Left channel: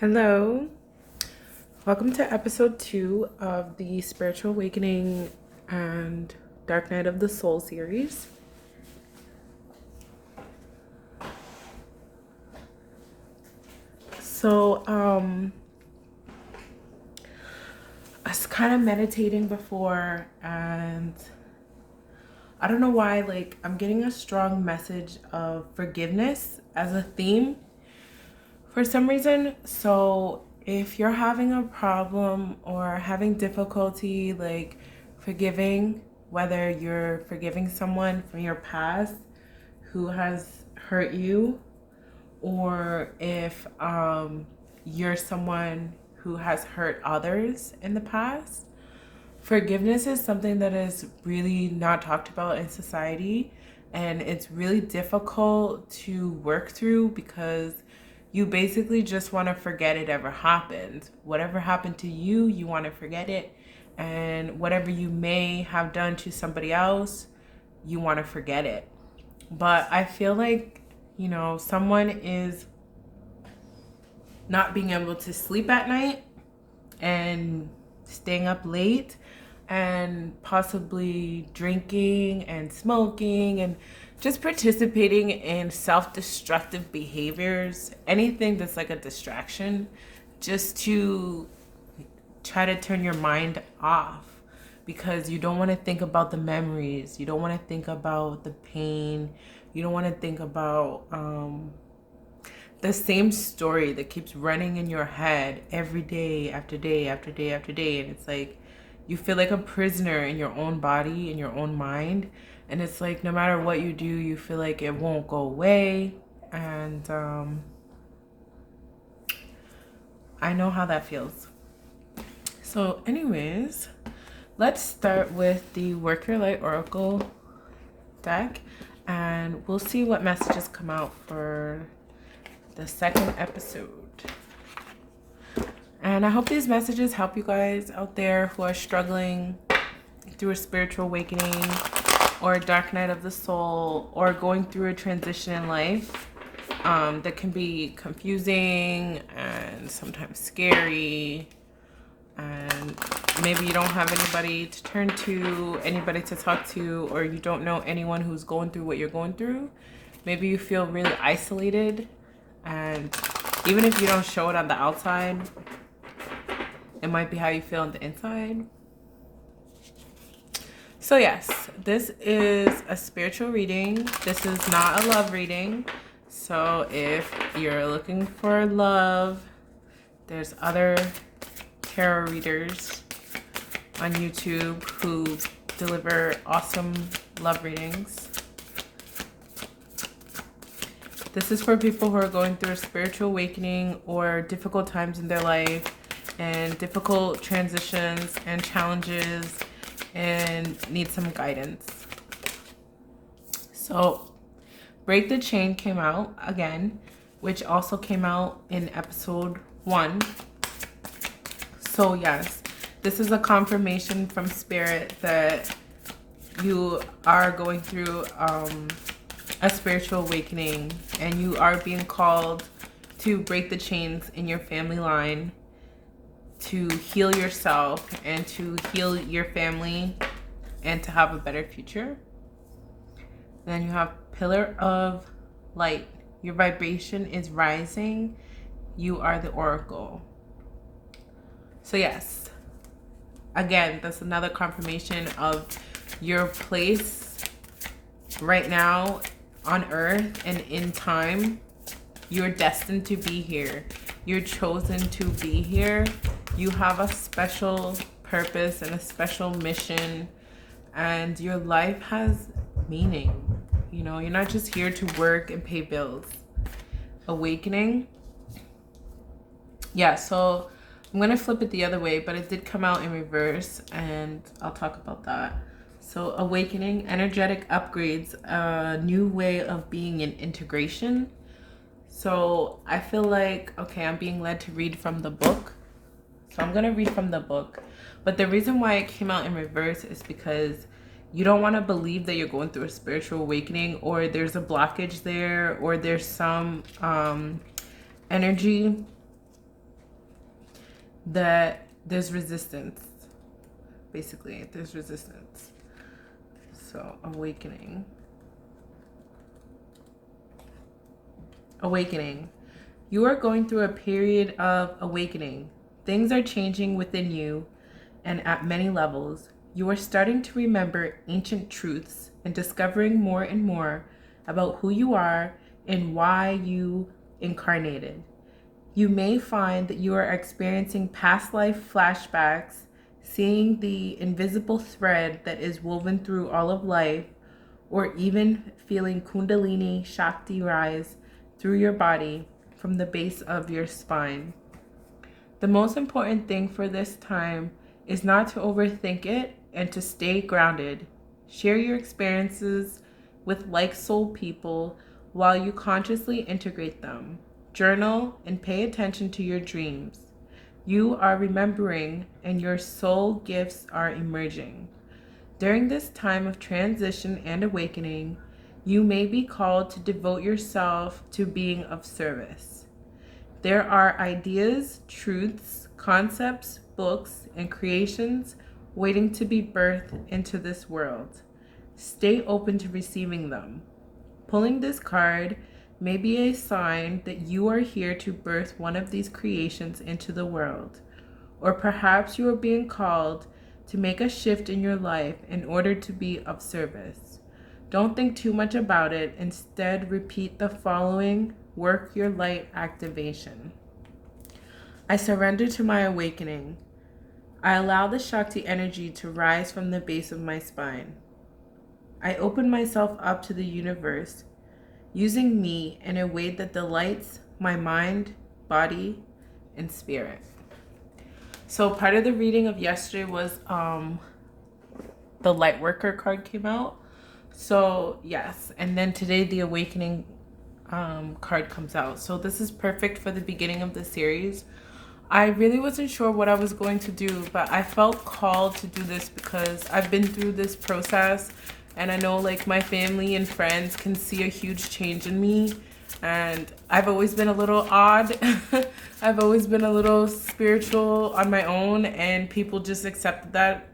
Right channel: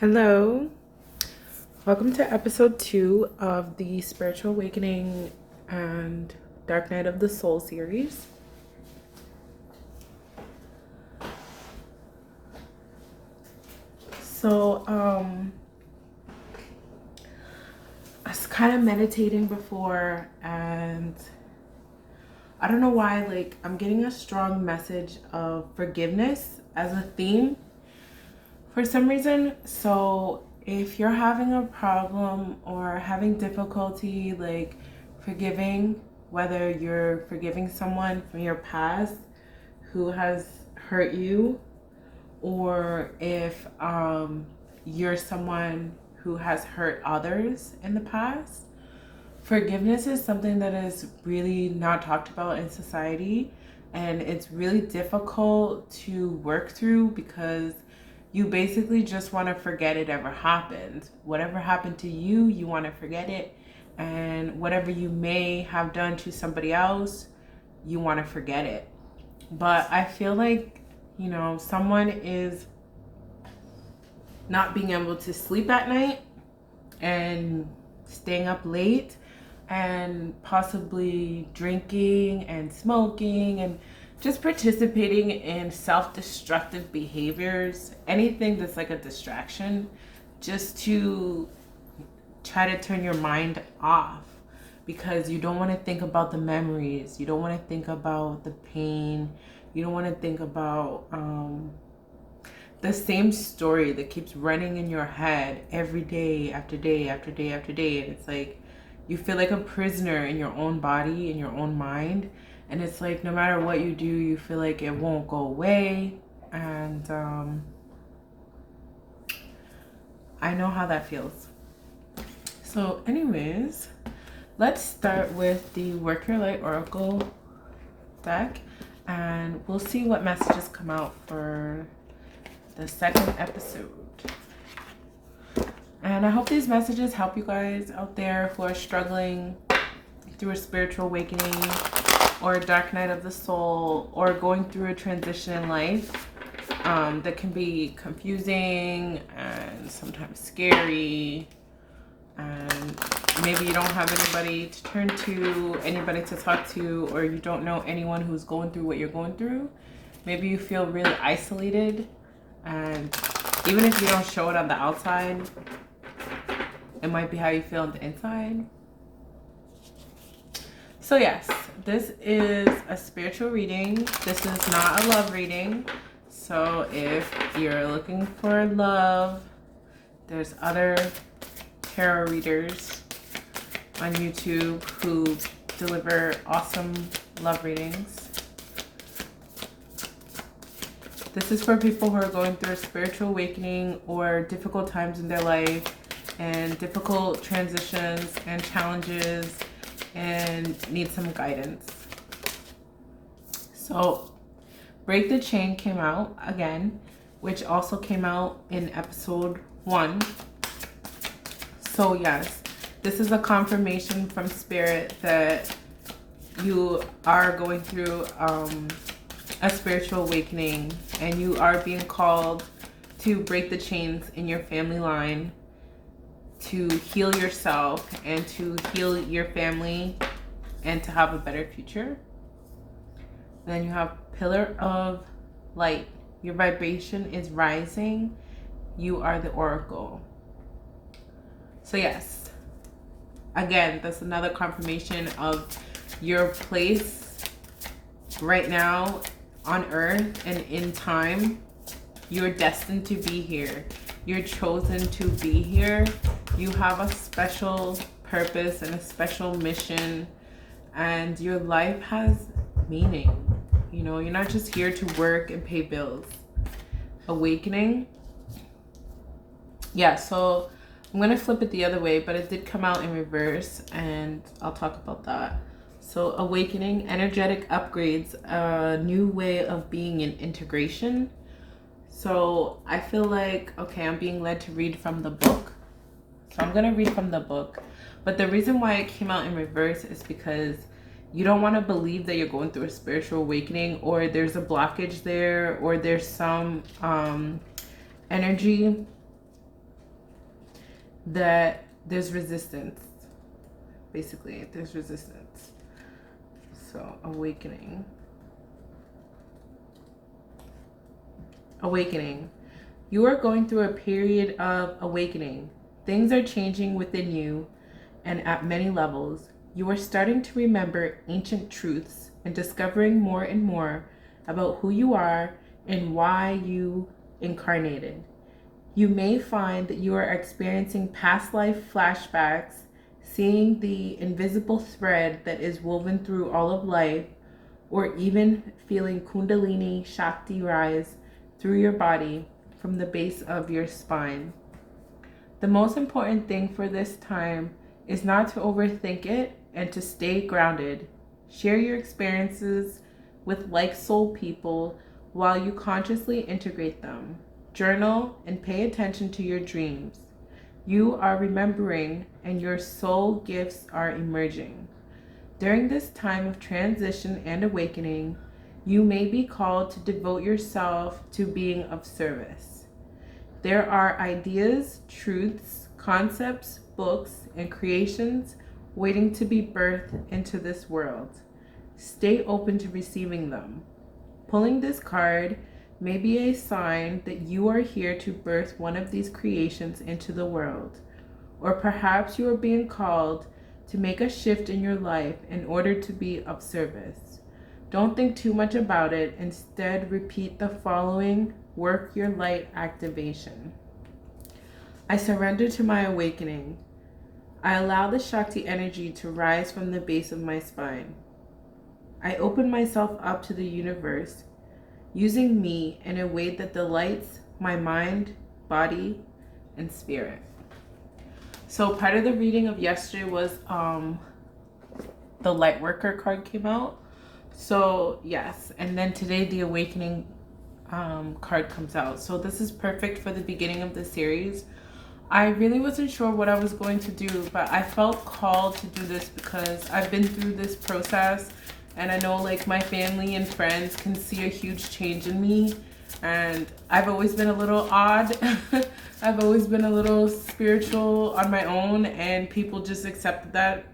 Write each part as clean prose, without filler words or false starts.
Hello, welcome to episode 2 of the Spiritual Awakening and Dark Night of the Soul series. So, I was kind of meditating before, and I don't know why, I'm getting a strong message of forgiveness as a theme for some reason. So if you're having a problem or having difficulty forgiving, whether you're forgiving someone from your past who has hurt you, or if you're someone who has hurt others in the past, forgiveness is something that is really not talked about in society, and it's really difficult to work through because you basically just want to forget it ever happened. Whatever happened to you, you want to forget it. And whatever you may have done to somebody else, you want to forget it. But I feel like, someone is not being able to sleep at night and staying up late and possibly drinking and smoking and just participating in self-destructive behaviors, anything that's like a distraction, just to try to turn your mind off, because you don't want to think about the memories, you don't want to think about the pain, you don't want to think about the same story that keeps running in your head every day after day after day after day. And it's like you feel like a prisoner in your own body, in your own mind. And it's like no matter what you do, you feel like it won't go away. And I know how that feels. So anyways, let's start with the Work Your Light Oracle deck. And we'll see what messages come out for the second episode. And I hope these messages help you guys out there who are struggling through a spiritual awakening or a dark night of the soul, or going through a transition in life that can be confusing and sometimes scary, and maybe you don't have anybody to turn to, anybody to talk to, or you don't know anyone who's going through what you're going through. Maybe you feel really isolated, and even if you don't show it on the outside, it might be how you feel on the inside. So yes, this is a spiritual reading. This is not a love reading. So if you're looking for love, there's other tarot readers on YouTube who deliver awesome love readings. This is for people who are going through a spiritual awakening or difficult times in their life and difficult transitions and challenges and need some guidance. So Break the Chain came out again, which also came out in episode 1. So yes, this is a confirmation from Spirit that you are going through a spiritual awakening, and you are being called to break the chains in your family line, to heal yourself and to heal your family and to have a better future. Then you have Pillar of Light. Your vibration is rising. You are the Oracle. So yes, again, that's another confirmation of your place right now on earth and in time. You're destined to be here. You're chosen to be here. You have a special purpose and a special mission, and your life has meaning. You're not just here to work and pay bills. Awakening. Yeah, so I'm going to flip it the other way, but it did come out in reverse, and I'll talk about that. So Awakening, energetic upgrades, a new way of being in integration. So I feel like, okay, I'm being led to read from the book. So I'm going to read from the book. But the reason why it came out in reverse is because you don't want to believe that you're going through a spiritual awakening, or there's a blockage there, or there's some energy that there's resistance. Basically, there's resistance. So, awakening. Awakening. You are going through a period of awakening. Things are changing within you and at many levels. You are starting to remember ancient truths and discovering more and more about who you are and why you incarnated. You may find that you are experiencing past life flashbacks, seeing the invisible thread that is woven through all of life, or even feeling Kundalini Shakti rise through your body from the base of your spine. The most important thing for this time is not to overthink it and to stay grounded. Share your experiences with like soul people while you consciously integrate them. Journal and pay attention to your dreams. You are remembering and your soul gifts are emerging. During this time of transition and awakening, you may be called to devote yourself to being of service. There are ideas, truths, concepts, books, and creations waiting to be birthed into this world. Stay open to receiving them. Pulling this card may be a sign that you are here to birth one of these creations into the world. Or perhaps you are being called to make a shift in your life in order to be of service. Don't think too much about it. Instead, repeat the following work your light activation. I surrender to my awakening. I allow the Shakti energy to rise from the base of my spine. I open myself up to the universe, using me in a way that delights my mind, body, and spirit. So part of the reading of yesterday was the light worker card came out. So yes, and then today the awakening card comes out. So this is perfect for the beginning of the series. I really wasn't sure what I was going to do, but I felt called to do this because I've been through this process, and I know like my family and friends can see a huge change in me, and I've always been a little odd. I've always been a little spiritual on my own, and people just accepted that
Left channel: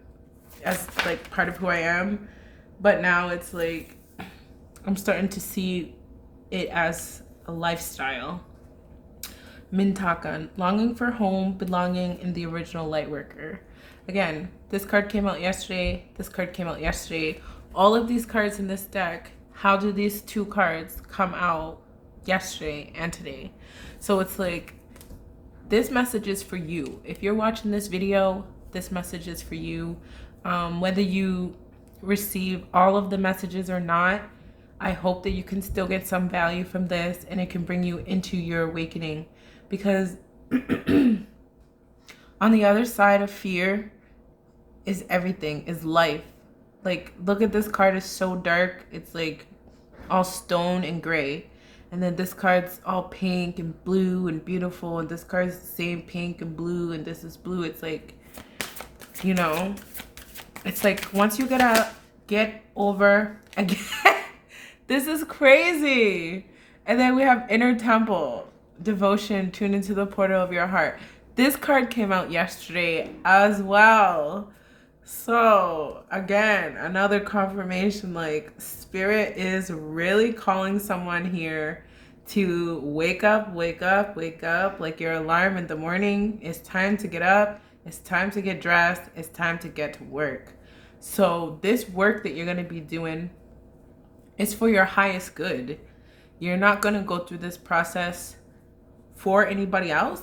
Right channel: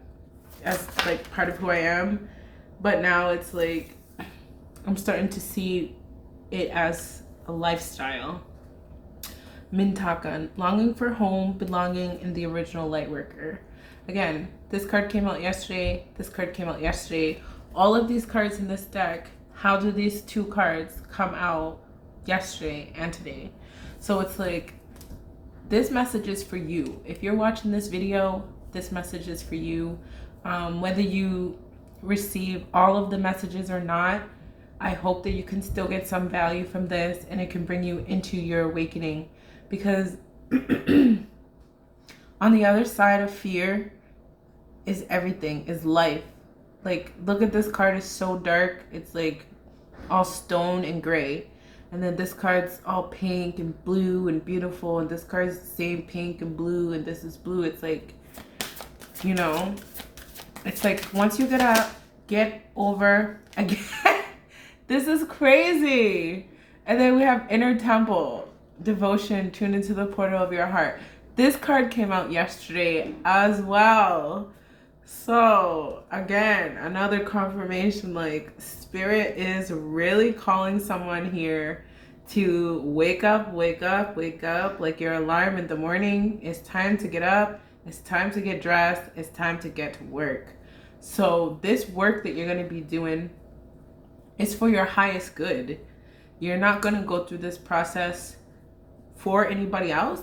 as like part of who I am. But now it's like I'm starting to see it as a lifestyle. Mintakan, longing for home, belonging in the original Lightworker. Again, this card came out yesterday. This card came out yesterday. All of these cards in this deck, how do these two cards come out yesterday and today? So it's like, this message is for you. If you're watching this video, this message is for you. Whether you receive all of the messages or not, I hope that you can still get some value from this and it can bring you into your awakening. Because on the other side of fear is everything, is life. Like, look at this card, is so dark. It's like all stone and gray. And then this card's all pink and blue and beautiful. And this card's the same pink and blue. And this is blue. It's like, you know, it's like once you get over again. This is crazy. And then we have Inner Temple. Devotion, tune into the portal of your heart. This card came out yesterday as well. So again, another confirmation, like spirit is really calling someone here to wake up, wake up, wake up, like your alarm in the morning. It's time to get up. It's time to get dressed. It's time to get to work. So this work that you're going to be doing is for your highest good. You're not going to go through this process for anybody else.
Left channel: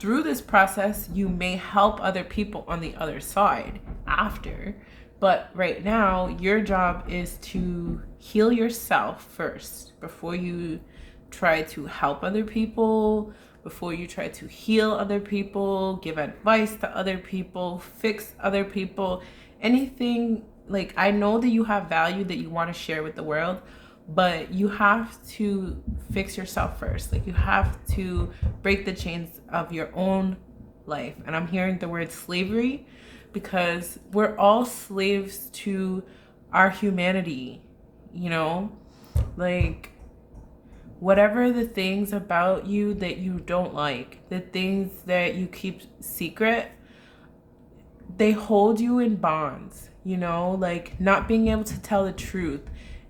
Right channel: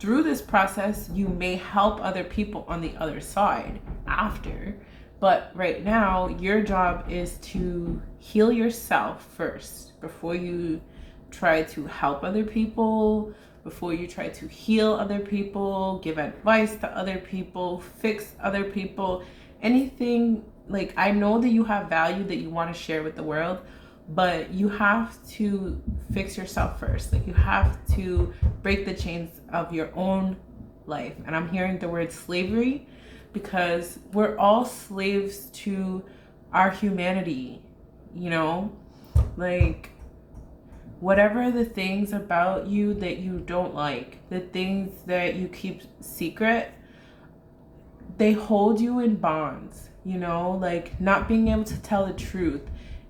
Through this process, you may help other people on the other side after. But right now, your job is to heal yourself first before you try to help other people, before you try to heal other people, give advice to other people, fix other people, anything. Like, I know that you have value that you want to share with the world, but you have to fix yourself first. Like, you have to break the chains of your own life. And I'm hearing the word slavery because we're all slaves to our humanity, you know? Like, whatever the things about you that you don't like, the things that you keep secret, they hold you in bonds, you know, like not being able to tell the truth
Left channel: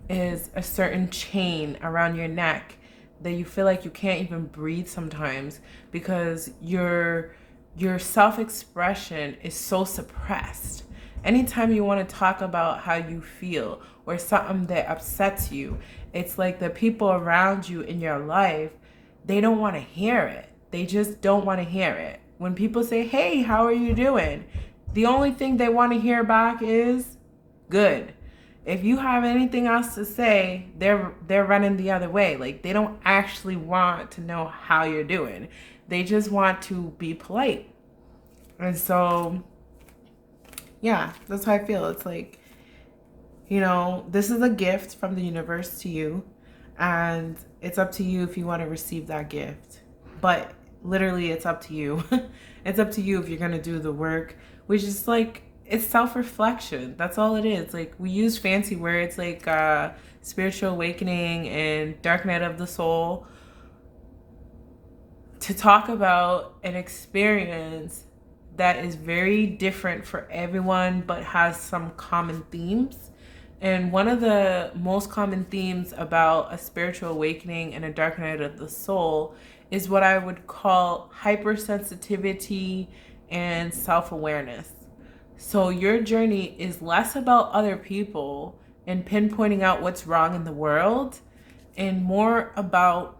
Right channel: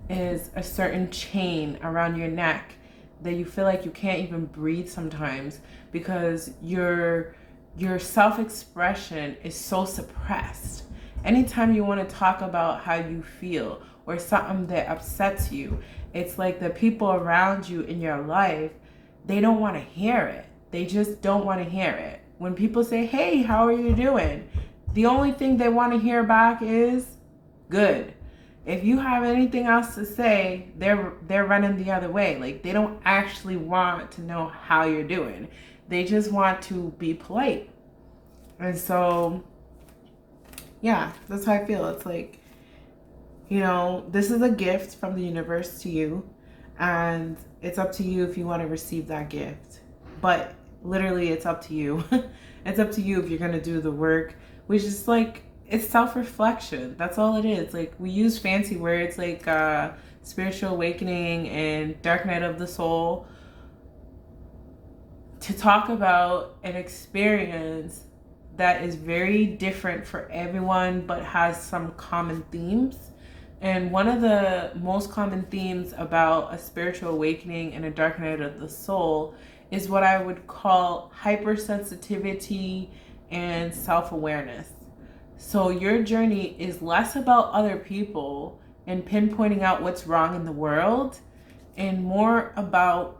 is a certain chain around your neck that you feel like you can't even breathe sometimes because your self-expression is so suppressed. Anytime you want to talk about how you feel or something that upsets you, it's like the people around you in your life, they don't want to hear it. They just don't want to hear it. When people say, hey, how are you doing? The only thing they want to hear back is good. If you have anything else to say, they're running the other way. Like, they don't actually want to know how you're doing. They just want to be polite. And so, yeah, that's how I feel. It's like, you know, this is a gift from the universe to you, and it's up to you if you want to receive that gift. But literally, it's up to you. It's up to you if you're going to do the work, which is like, it's self-reflection. That's all it is. Like, we use fancy words like spiritual awakening and dark night of the soul to talk about an experience that is very different for everyone but has some common themes. And one of the most common themes about a spiritual awakening and a dark night of the soul is what I would call hypersensitivity and self-awareness. So your journey is less about other people and pinpointing out what's wrong in the world, and more about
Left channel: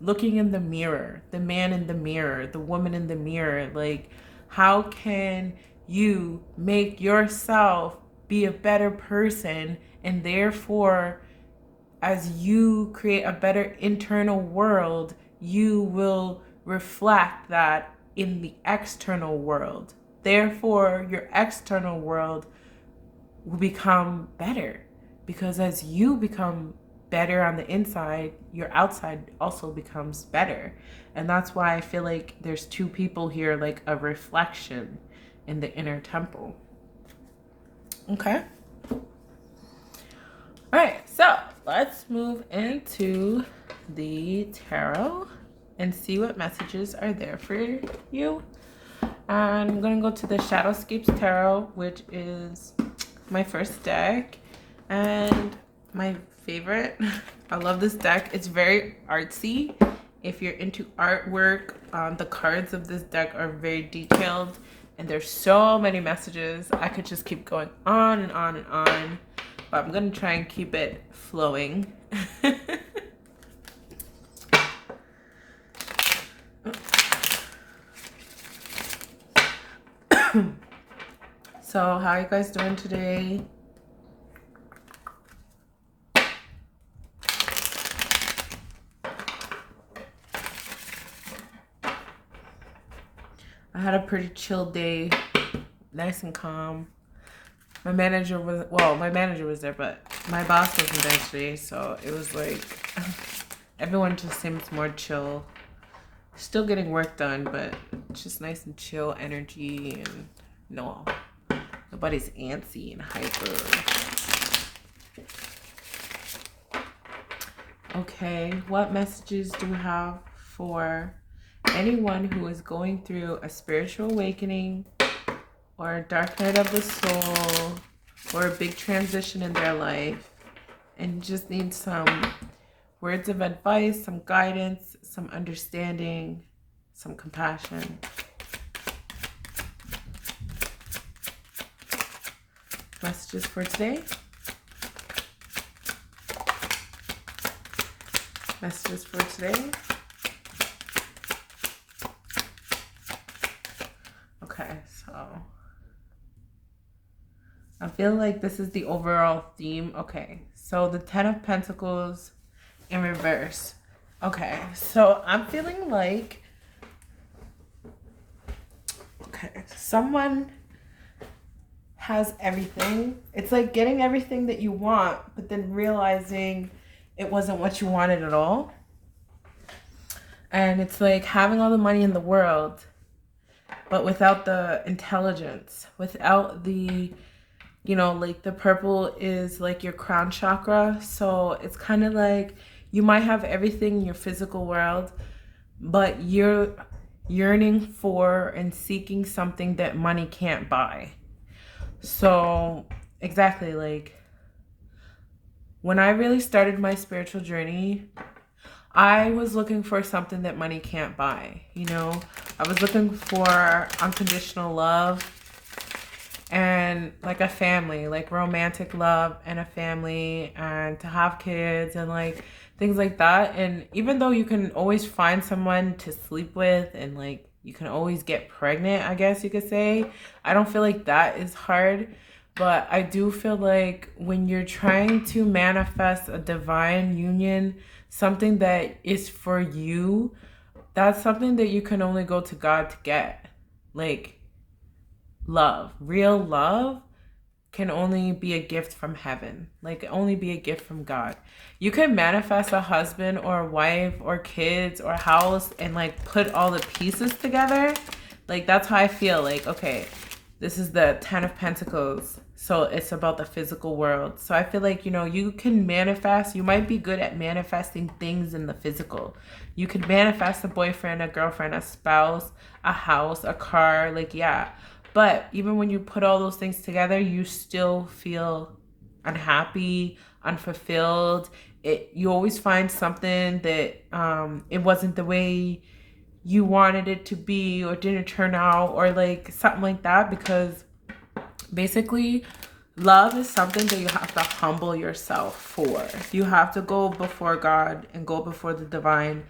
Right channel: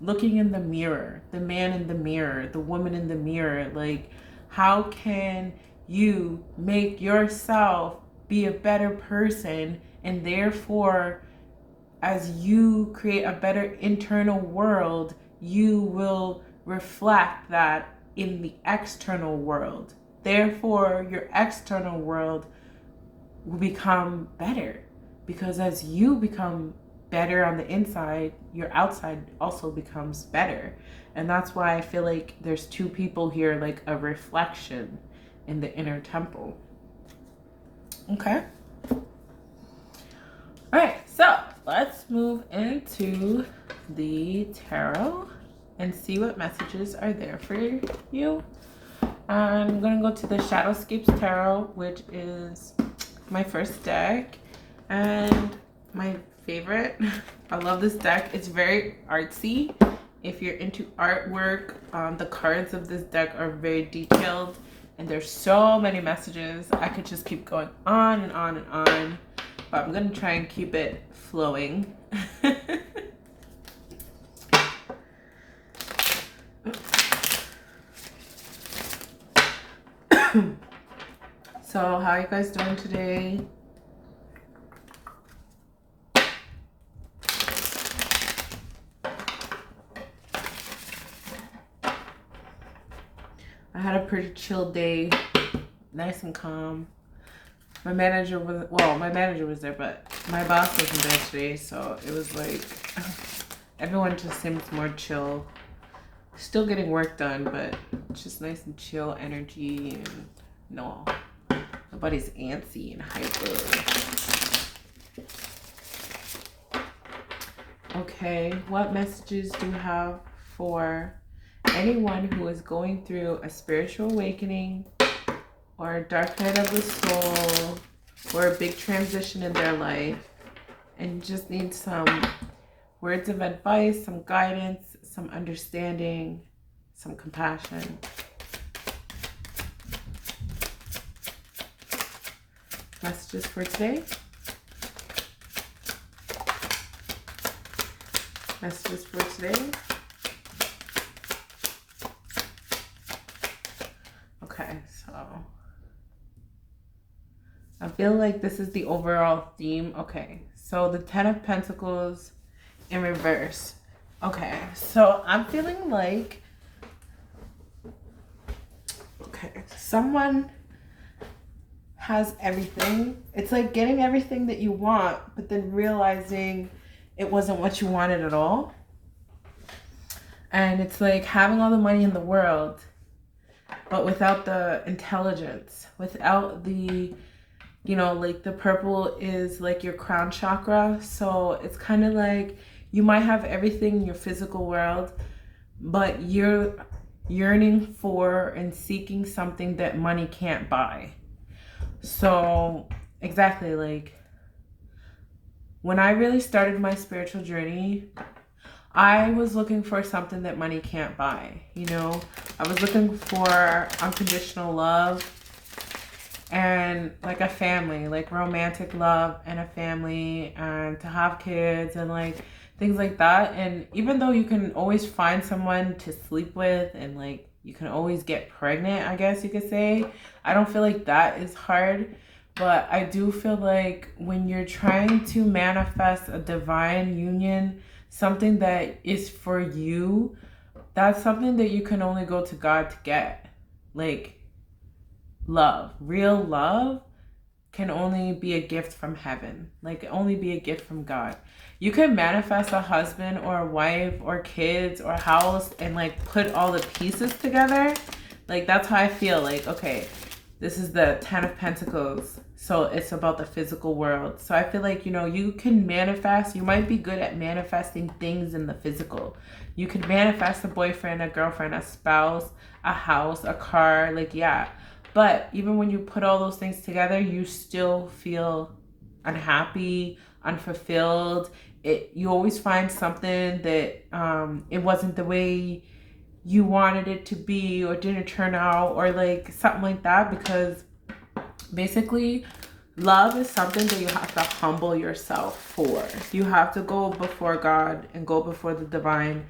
looking in the mirror, the man in the mirror, the woman in the mirror. Like, how can you make yourself be a better person, and therefore, as you create a better internal world, you will reflect that in the external world. Therefore, your external world will become better, because as you become better on the inside, your outside also becomes better. And that's why I feel like there's two people here, like a reflection in the inner temple. Okay. All right, so let's move into the tarot and see what messages are there for you. I'm going to go to the Shadowscapes Tarot, which is my first deck and my favorite. I love this deck. It's very artsy. If you're into artwork, the cards of this deck are very detailed, and there's so many messages. I could just keep going on and on and on, but I'm going to try and keep it flowing. So, how are you guys doing today? I had a pretty chill day, nice and calm. My manager was there, but my boss wasn't there today, so it was like everyone just seems more chill. Still getting work done, but just nice and chill energy, and nobody's antsy and hyper. Okay, what messages do you have for anyone who is going through a spiritual awakening or a dark night of the soul or a big transition in their life and just need some words of advice, some guidance, some understanding, some compassion? Messages for today. Messages for today. Okay, so I feel like this is the overall theme. Okay, so the 10 of Pentacles in reverse. Okay, so I'm feeling like, okay, someone has everything. It's like getting everything that you want, but then realizing it wasn't what you wanted at all. And it's like having all the money in the world, but without the intelligence, without the, like the purple is like your crown chakra. So it's kind of like You might have everything in your physical world, but you're yearning for and seeking something that money can't buy. So exactly, like when I really started my spiritual journey, I was looking for something that money can't buy. You know, I was looking for unconditional love and like a family, like romantic love and a family, and to have kids and like things like that. And even though you can always find someone to sleep with and like you can always get pregnant, I guess you could say, I don't feel like that is hard. But I do feel like when you're trying to manifest a divine union, something that is for you, that's something that you can only go to God to get. Like love, real love can only be a gift from heaven, like only be a gift from God. You can manifest a husband or a wife or kids or house and like put all the pieces together. Like that's how I feel. Like, okay, this is the 10 of Pentacles. So it's about the physical world. So I feel like, you know, you can manifest. You might be good at manifesting things in the physical. You could manifest a boyfriend, a girlfriend, a spouse, a house, a car. Like, yeah. But even when you put all those things together, you still feel unhappy, unfulfilled. You always find something that it wasn't the way you wanted it to be or didn't turn out or like something like that, because basically love is something that you have to humble yourself for. You have to go before God and go before the divine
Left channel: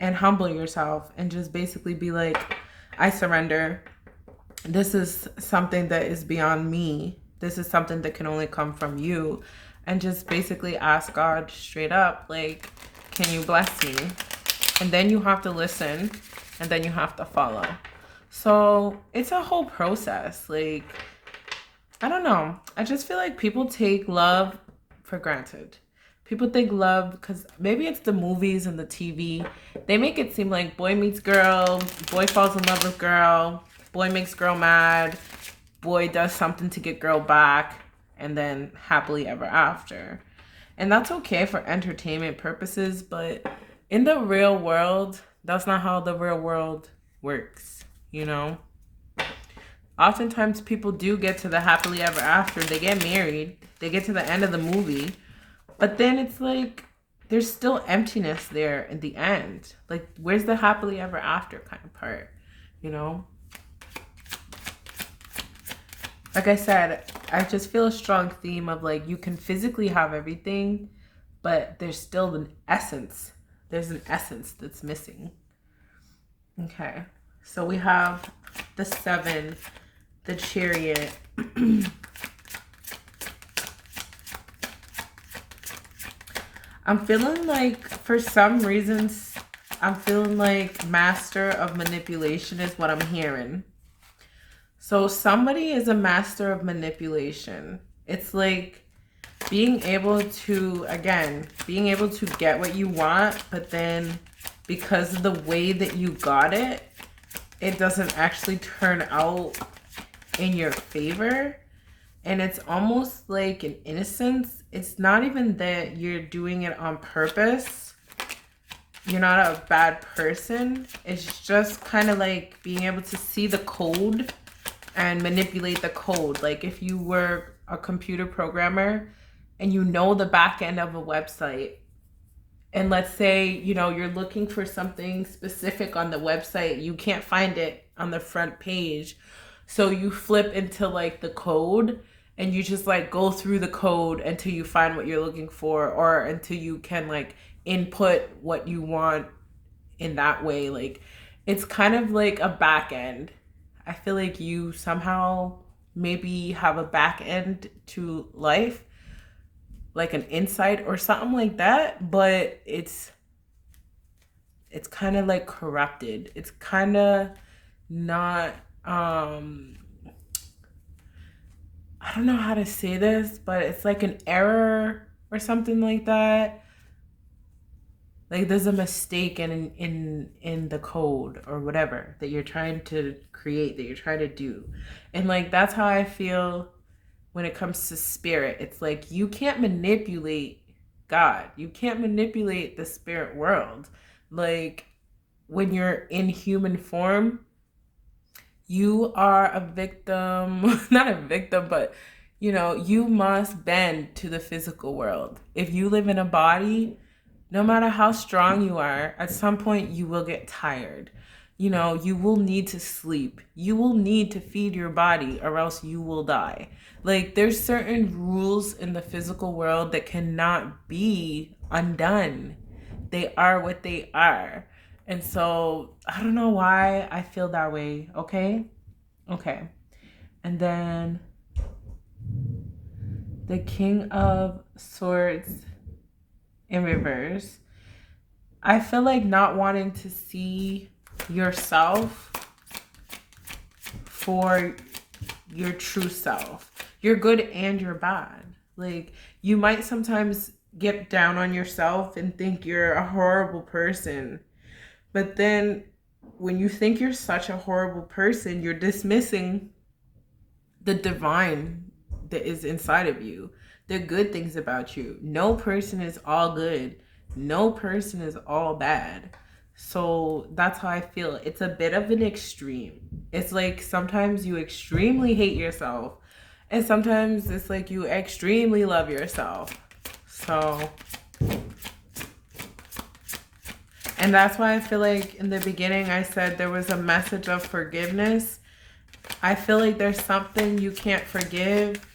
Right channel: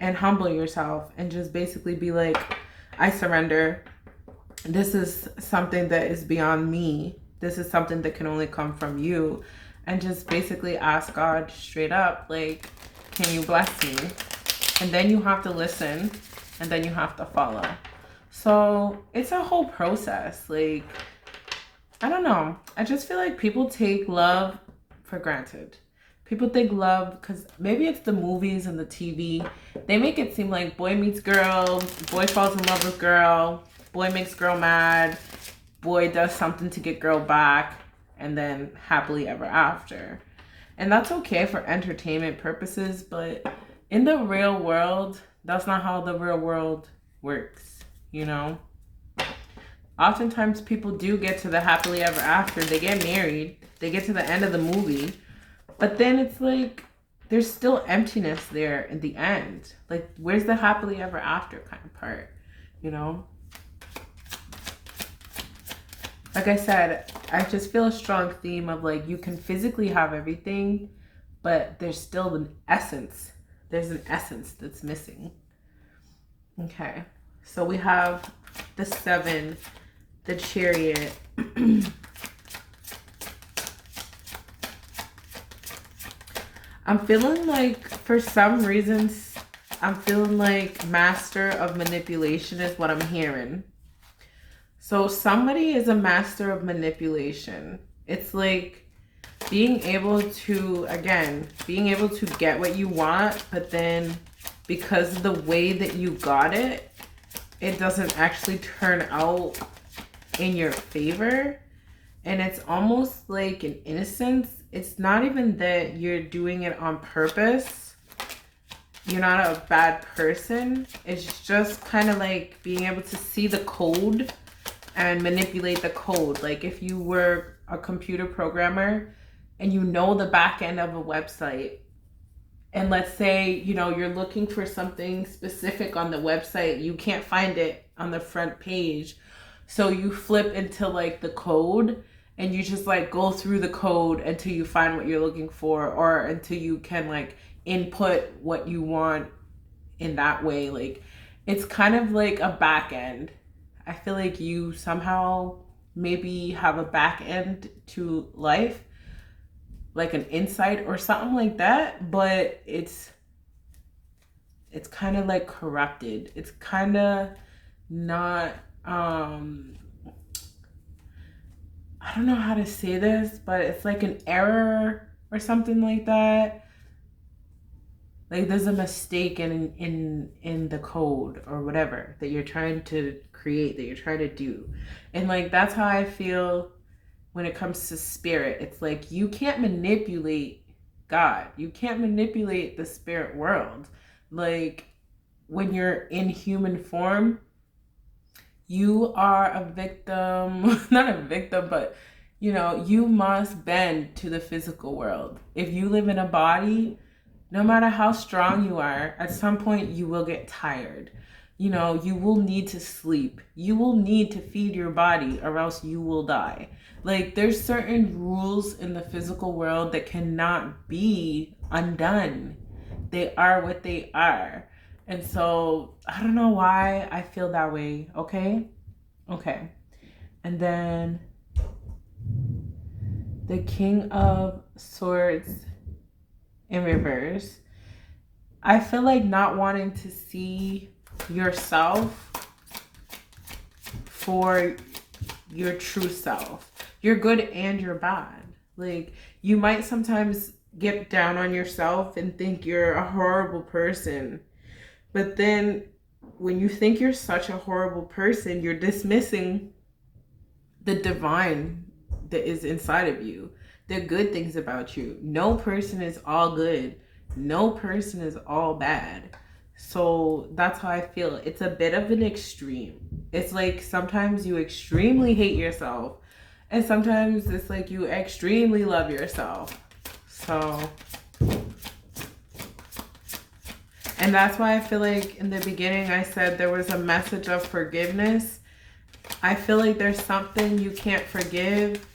and humble yourself and just basically be like, I surrender. This is something that is beyond me. This is something that can only come from you. And just basically ask God straight up, like, can you bless me? And then you have to listen and then you have to follow. So it's a whole process. Like, I don't know. I just feel like people take love for granted. People think love, because maybe it's the movies and the TV. They make it seem like boy meets girl, boy falls in love with girl, boy makes girl mad, boy does something to get girl back, and then happily ever after. And that's okay for entertainment purposes, but in the real world, that's not how the real world works, you know? Oftentimes people do get to the happily ever after. They get married, they get to the end of the movie, but then it's like there's still emptiness there in the end. Like, where's the happily ever after kind of part, you know? Like I said, I just feel a strong theme of like you can physically have everything, but there's still an essence. There's an essence that's missing. Okay, so we have the 7, the Chariot. I'm feeling like, for some reasons, I'm feeling like master of manipulation is what I'm hearing. So somebody is a master of manipulation. It's like being able to, again, being able to get what you want, but then because of the way that you got it, it doesn't actually turn out in your favor. And it's almost like an innocence. It's not even that you're doing it on purpose. You're not a bad person. It's just kind of like being able to see the code and manipulate the code. Like if you were a computer programmer and you know the back end of a website, and let's say, you know, you're looking for something specific on the website, you can't find it on the front page. So you flip into like the code and you just like go through the code until you find what you're looking for, or until you can like input what you want in that way. Like it's kind of like a back end. I feel like you somehow maybe have a back end to life, like an insight or something like that, but it's kind of like corrupted. It's kind of not, I don't know how to say this, but it's like an error or something like that. Like there's a mistake in the code or whatever that you're trying to create, that you're trying to do. And like that's how I feel when it comes to spirit. It's like you can't manipulate God. You can't manipulate the spirit world. Like, when you're in human form, you are a victim, not a victim, but you must bend to the physical world. If you live in a body, no matter how strong you are, at some point you will get tired. You will need to sleep. You will need to feed your body, or else you will die. Like, there's certain rules in the physical world that cannot be undone. They are what they are. And so I don't know why I feel that way. Okay. And then the King of Swords in reverse. I feel like not wanting to see yourself for your true self. You're good and you're bad. Like, you might sometimes get down on yourself and think you're a horrible person. But then when you think you're such a horrible person, you're dismissing the divine that is inside of you, the good things about you. No person is all good. No person is all bad. So that's how I feel. It's a bit of an extreme. It's like sometimes you extremely hate yourself, and sometimes it's like you extremely love yourself. So, and that's why I feel like in the beginning I said there was a message of forgiveness. I feel like there's something you can't forgive.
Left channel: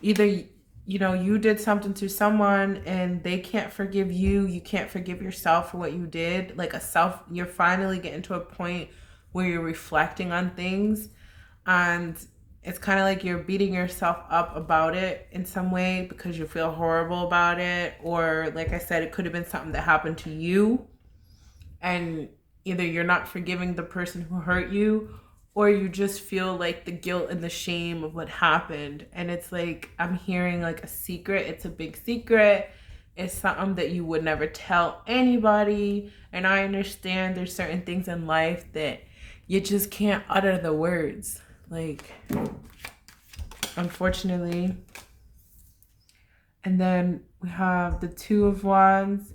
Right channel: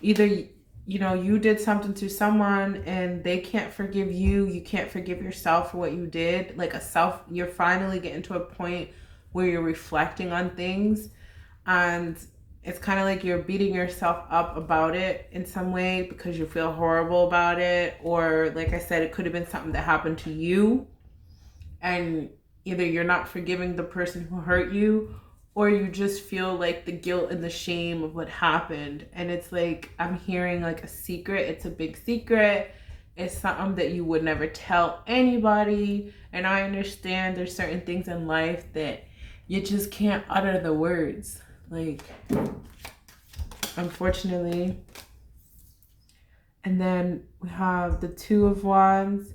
Either you did something to someone and they can't forgive you. You can't forgive yourself for what you did. Like you're finally getting to a point where you're reflecting on things, and it's kind of like you're beating yourself up about it in some way because you feel horrible about it. Or like I said, it could have been something that happened to you, and either you're not forgiving the person who hurt you, or you just feel like the guilt and the shame of what happened. And it's like, I'm hearing like a secret. It's a big secret. It's something that you would never tell anybody. And I understand there's certain things in life that you just can't utter the words. Like, unfortunately. And then we have the Two of Wands.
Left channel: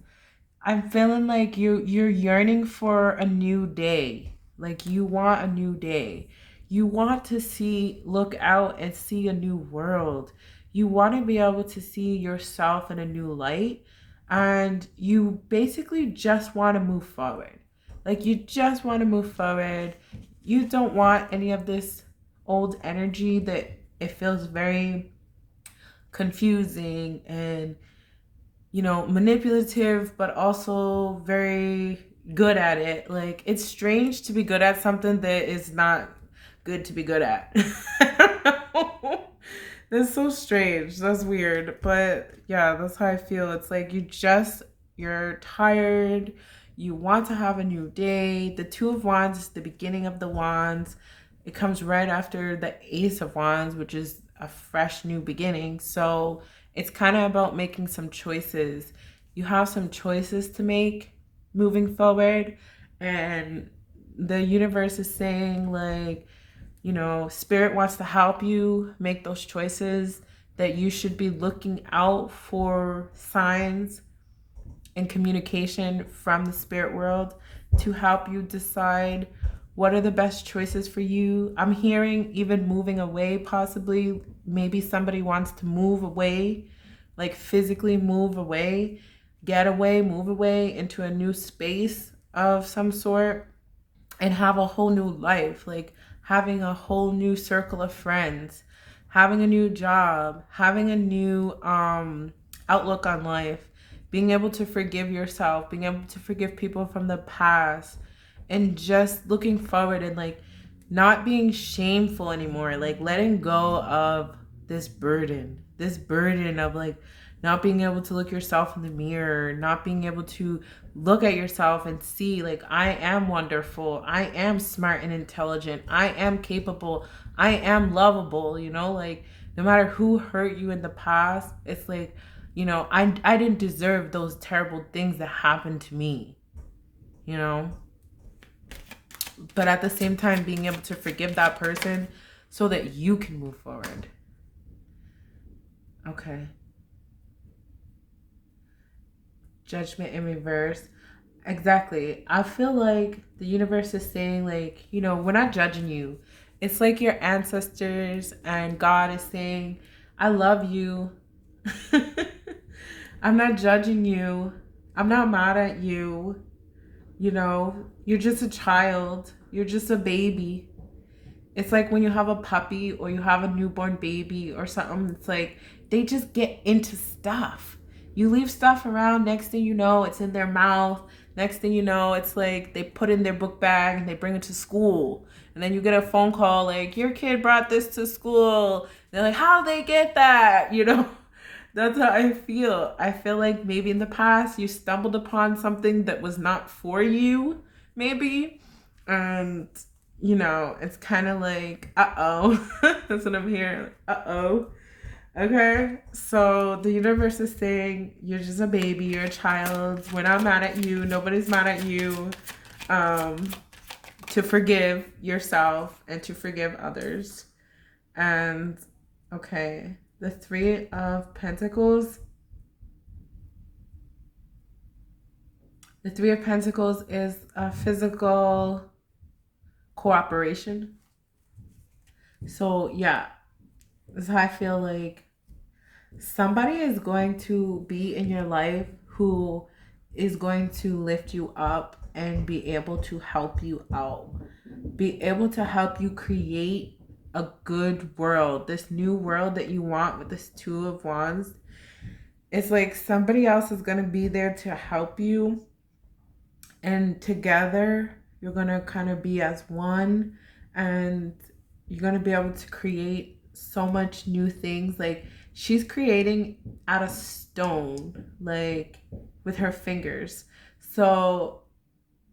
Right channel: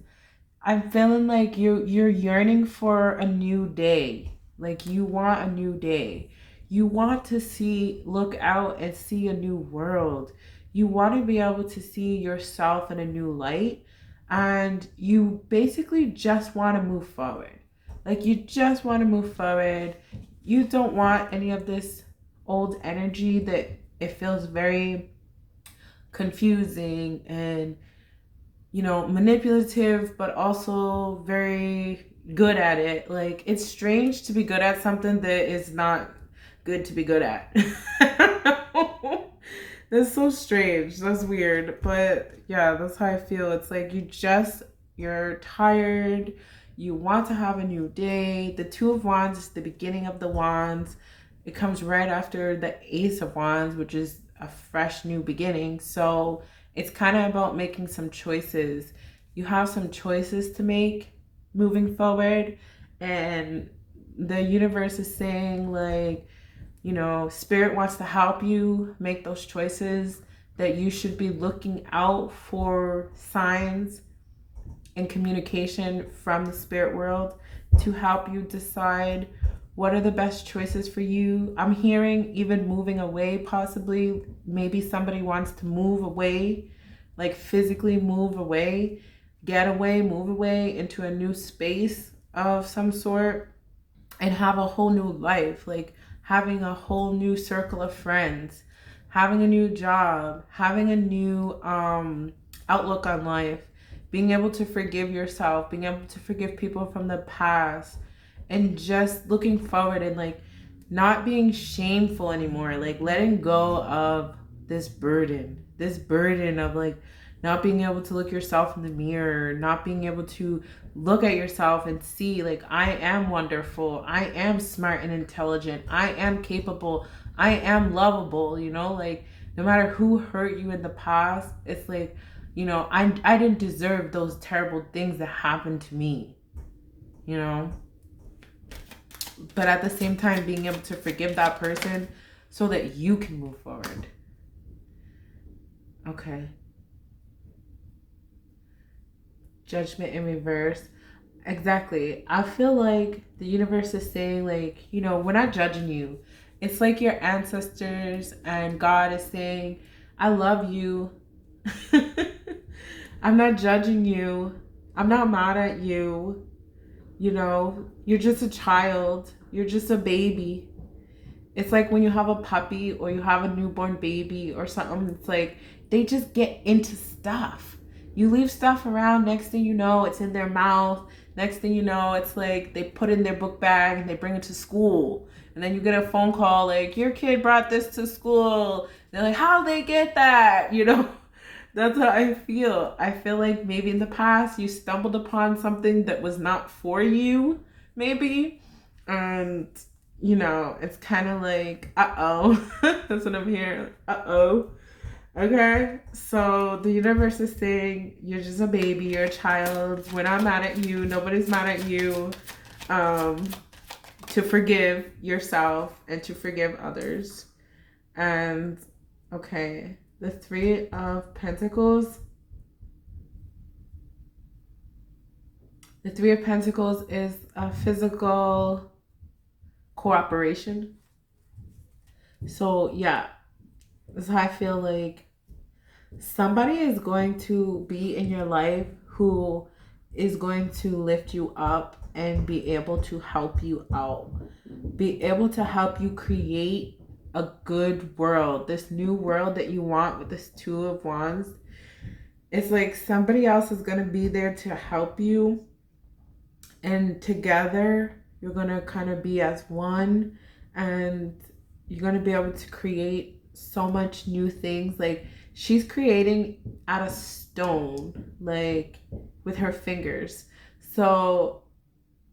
I'm feeling like you're yearning for a new day. Like, you want a new day. You want to look out and see a new world. You want to be able to see yourself in a new light. And you basically just want to move forward. Like, you just want to move forward. You don't want any of this old energy that it feels very confusing and, manipulative, but also very good at it. Like, it's strange to be good at something that is not good to be good at. That's so strange. That's weird. But yeah, that's how I feel. It's like you're tired. You want to have a new day. The Two of Wands is the beginning of the Wands. It comes right after the Ace of Wands, which is a fresh new beginning. So it's kind of about making some choices. You have some choices to make moving forward, and the universe is saying, like, Spirit wants to help you make those choices, that you should be looking out for signs and communication from the spirit world to help you decide what are the best choices for you. I'm hearing even moving away, possibly. Maybe somebody wants to move away, like physically move away, get away, move away into a new space of some sort and have a whole new life, like having a whole new circle of friends, having a new job, having a new outlook on life, being able to forgive yourself, being able to forgive people from the past, and just looking forward and like not being shameful anymore, like letting go of this burden of like not being able to look yourself in the mirror, not being able to look at yourself and see, like, I am wonderful, I am smart and intelligent, I am capable, I am lovable, like no matter who hurt you in the past, it's like, I didn't deserve those terrible things that happened to me, but at the same time being able to forgive that person so that you can move forward. Okay. Judgment in reverse. Exactly. I feel like the universe is saying, like, you know, we're not judging you. It's like your ancestors and God is saying, I love you. I'm not judging you. I'm not mad at you. You know, you're just a child. You're just a baby. It's like when you have a puppy or you have a newborn baby or something, it's like they just get into stuff. You leave stuff around, next thing you know, it's in their mouth. Next thing you know, it's like they put in their book bag and they bring it to school. And then you get a phone call like, your kid brought this to school. They're like, how'd they get that? You know, that's how I feel. I feel like maybe in the past you stumbled upon something that was not for you, maybe. And you know, it's kind of like, uh-oh. That's what I'm hearing. Uh-oh. Okay. So the universe is saying, you're just a baby, you're a child. We're not mad at you. Nobody's mad at you. To forgive yourself and to forgive others. And, okay, the Three of Pentacles. The Three of Pentacles is a physical cooperation. So yeah, that's how I feel like somebody is going to be in your life who is going to lift you up and be able to help you out, be able to help you create a good world, this new world that you want with this Two of Wands. It's like somebody else is going to be there to help you, and together you're going to kind of be as one, and you're going to be able to create so much new things. Like she's creating out of stone, like with her fingers. So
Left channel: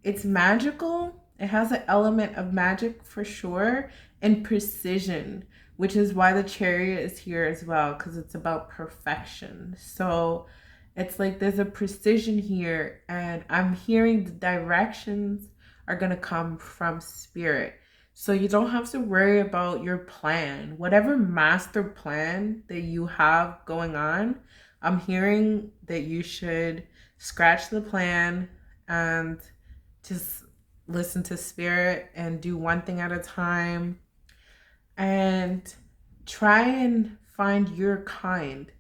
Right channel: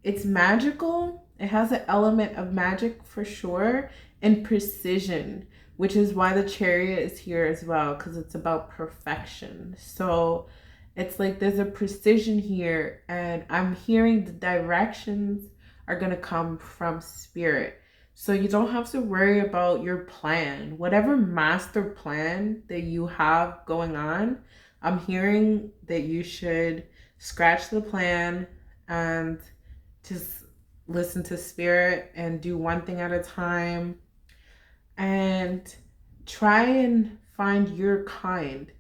it's magical. It has an element of magic for sure, and precision, which is why the Chariot is here as well, because it's about perfection. So it's like there's a precision here, and I'm hearing the directions are going to come from spirit. So you don't have to worry about your plan. Whatever master plan that you have going on, I'm hearing that you should scratch the plan and just listen to spirit and do one thing at a time, and try and find your kind.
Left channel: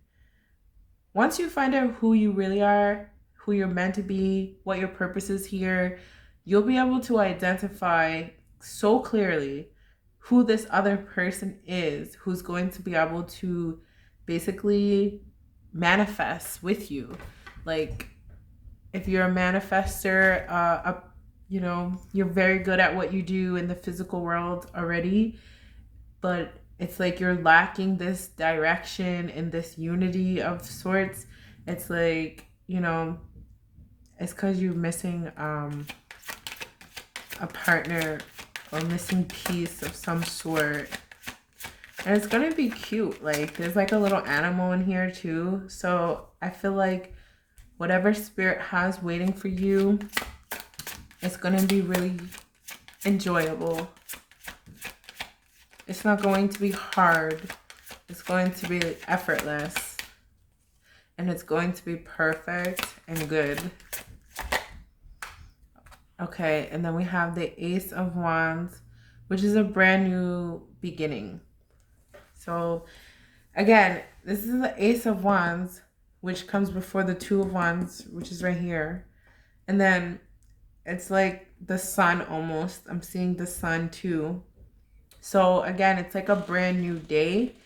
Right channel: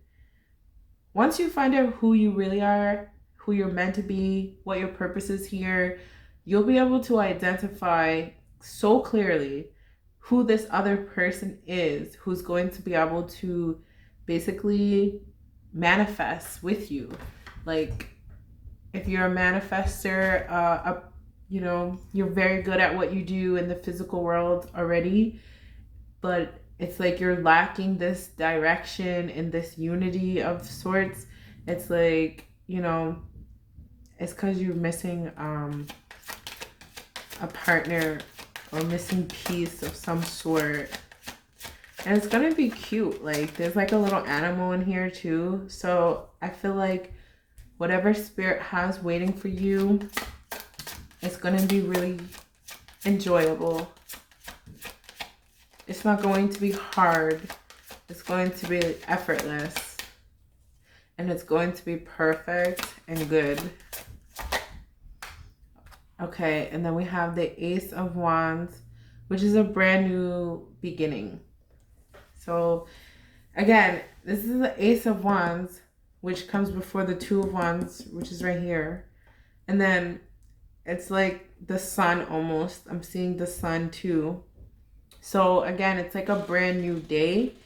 Once you find out who you really are, who you're meant to be, what your purpose is here, you'll be able to identify so clearly who this other person is, who's going to be able to basically manifest with you. Like if you're a manifester, you know, you're very good at what you do in the physical world already, but it's like you're lacking this direction and this unity of sorts. It's like, you know, it's because you're missing a partner or missing piece of some sort. And it's gonna be cute. Like there's like a little animal in here too. So I feel like whatever spirit has waiting for you, it's gonna be really enjoyable. It's not going to be hard. It's going to be effortless. And it's going to be perfect and good. Okay, and then we have the Ace of Wands, which is a brand new beginning. So again, this is the Ace of Wands, which comes before the Two of Wands, which is right here. And then it's like the sun almost. I'm seeing the sun too. So again, it's like a brand new day.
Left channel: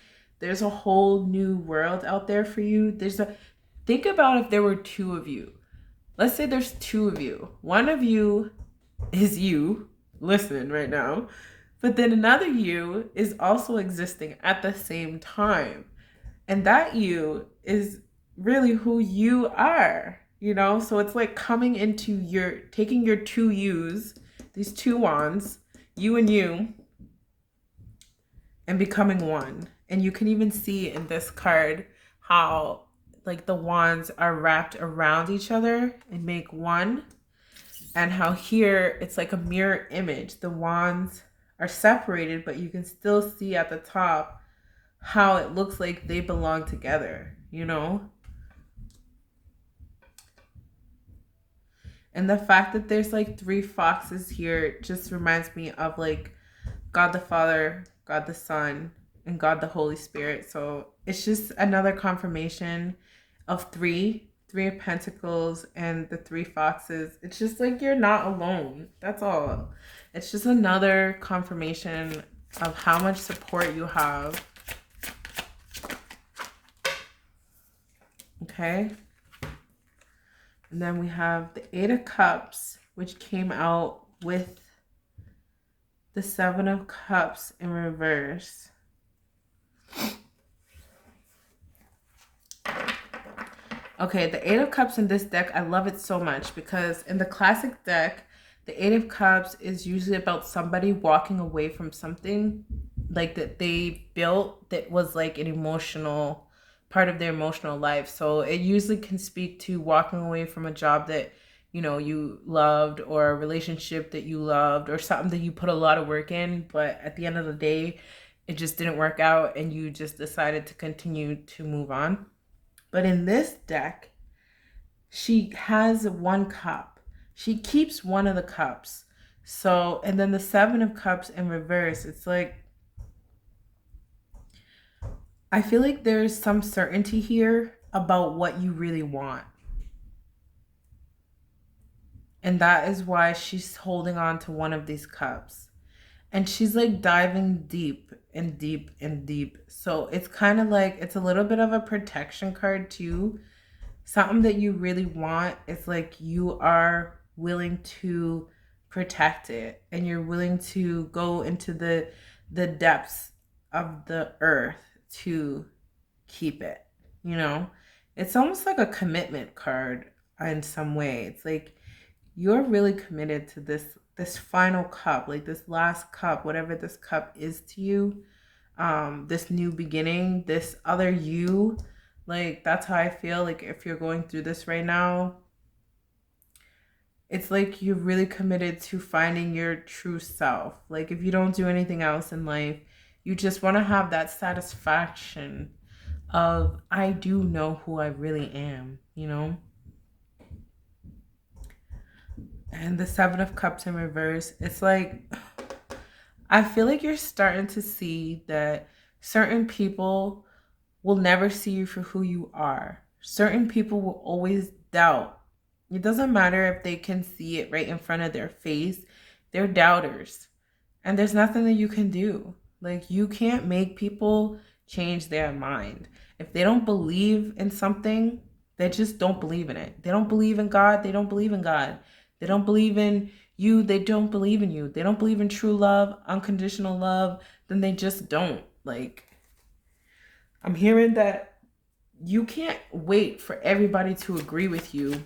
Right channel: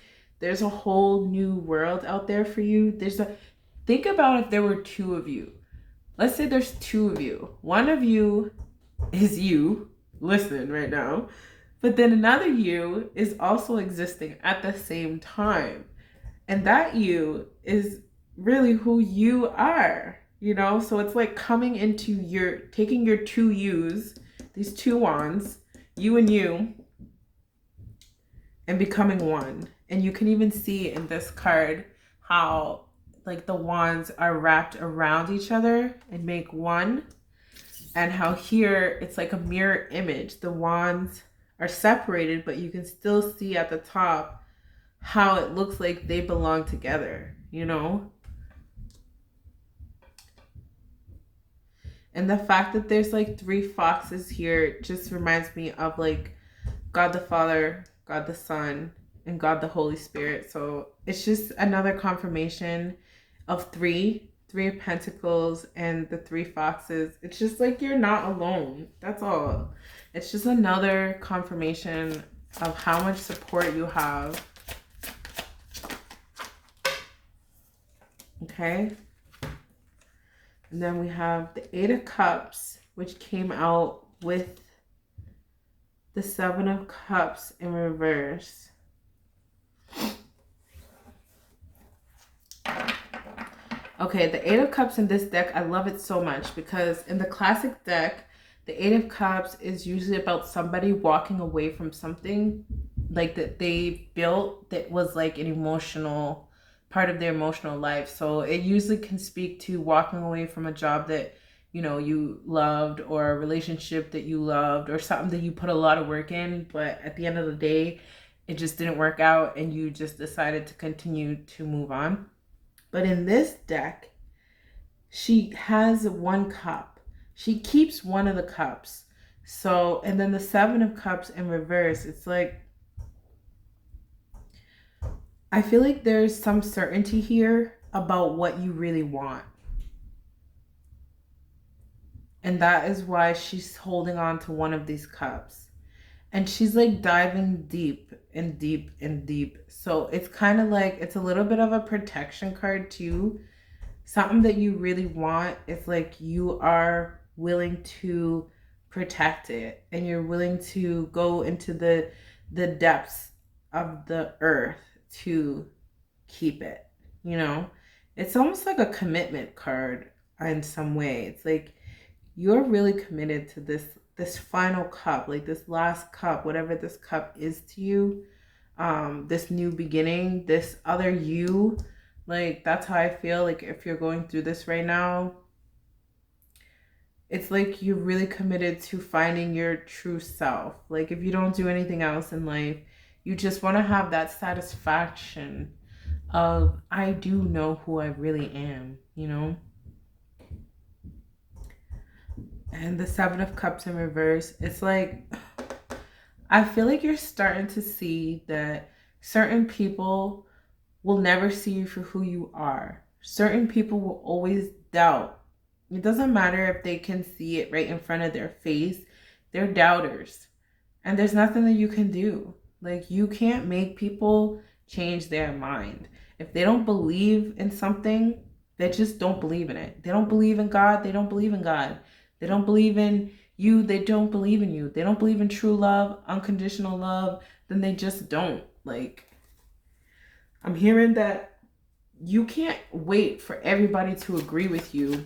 There's a whole new world out there for you. Think about if there were two of you. Let's say there's two of you. One of you is you, listen right now, but then another you is also existing at the same time. And that you is really who you are, you know? So it's like coming into taking your two yous, these two wands, you and you, and becoming one. And you can even see in this card how like the wands are wrapped around each other and make one, and how here it's like a mirror image. The wands are separated, but you can still see at the top how it looks like they belong together, you know? And the fact that there's like 3 foxes here just reminds me of like God the Father, God the Son, and God the Holy Spirit. So it's just another confirmation of 3 of Pentacles and the 3 foxes. It's just like you're not alone. That's all. It's just another confirmation of how much support you have. Okay. And then we have the 8 of Cups, which came out with the 7 of Cups in reverse. Okay, the 8 of Cups in this deck, I love it so much because in the classic deck, the 8 of Cups is usually about somebody walking away from something like that they built that was like an emotional part of their emotional life. So it usually can speak to walking away from a job that, you know, you loved, or a relationship that you loved, or something that you put a lot of work in, but at the end of the day, it just didn't work out and you just decided to continue to move on. But in this deck, she has 1 cup. She keeps 1 of the cups. So, and then the 7 of Cups in reverse, it's like, I feel like there's some certainty here about what you really want. And that is why she's holding on to 1 of these cups. And she's like diving deep and deep and deep. So it's kind of like, it's a little bit of a protection card too. Something that you really want is like you are willing to protect it, and you're willing to go into the depths of the earth to keep it, you know? It's almost like a commitment card in some way. It's like you're really committed to this final cup, like this last cup, whatever this cup is to you, this new beginning, this other you. Like, that's how I feel. Like, if you're going through this right now, it's like you're really committed to finding your true self. Like, if you don't do anything else in life, you just want to have that satisfaction of, I do know who I really am, you know? And the 7 of Cups in reverse, it's like, I feel like you're starting to see that certain people will never see you for who you are. Certain people will always doubt. It doesn't matter if they can see it right in front of their face. They're doubters. And there's nothing that you can do. Like, you can't make people change their mind. If they don't believe in something, they just don't believe in it. They don't believe in God, they don't believe in God. They don't believe in you, they don't believe in you. They don't believe in true love, unconditional love, then they just don't. Like, I'm hearing that you can't wait for everybody to agree with you